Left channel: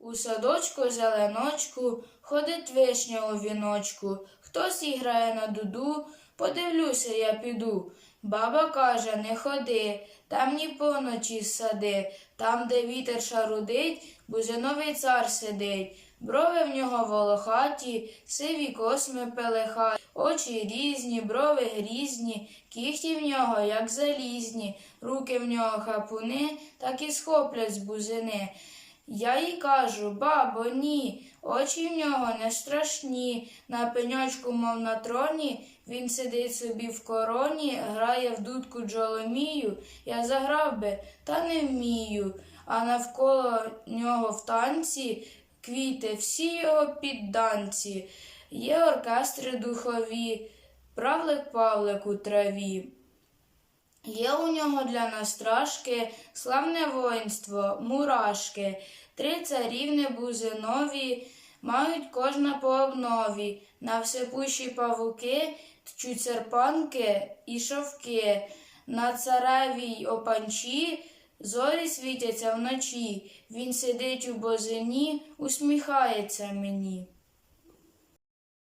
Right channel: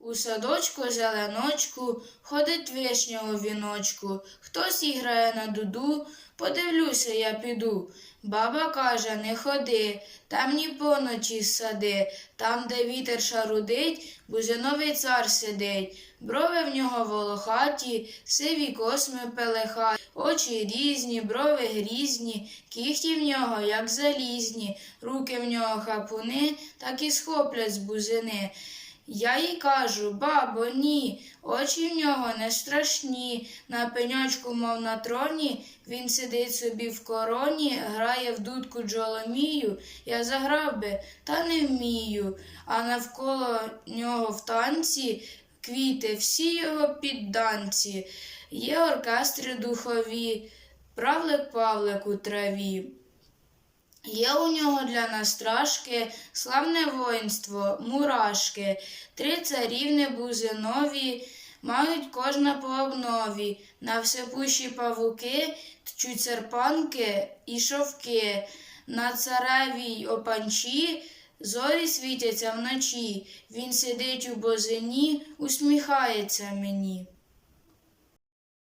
У садочку зеленочку ходить вишня у віночку. Хтось іграє на дуду, подивлюся, я піду. Баба каже, не ходи, там ні поночі сади, там, де вітер шарудить, бузиновий цар сидить. Брови в нього волохаті, сиві косми пелехаті, очі різні, брови грізні, кіхті в нього, як залізні, руки в нього хапуни, так і схоплять з бузини. Я їй кажу, бабо, ні, очі в нього не страшні. На пеньочку, мов на троні, він сидить собі в короні, грає в дудку джоломію. Я заграв би, та не вмію. А навколо нього в танці квіти, всі його підданці. Є оркестри духові, правлик Павлик у траві. Є у нього для настрашки славне воїнство, мурашки, три царівни бузинові, мають кожна по обнові, на всепущі павуки, тчуть серпанки і шовки, на царевій опанчі зорі світяться вночі, він сидить у бозині, усміхається мені.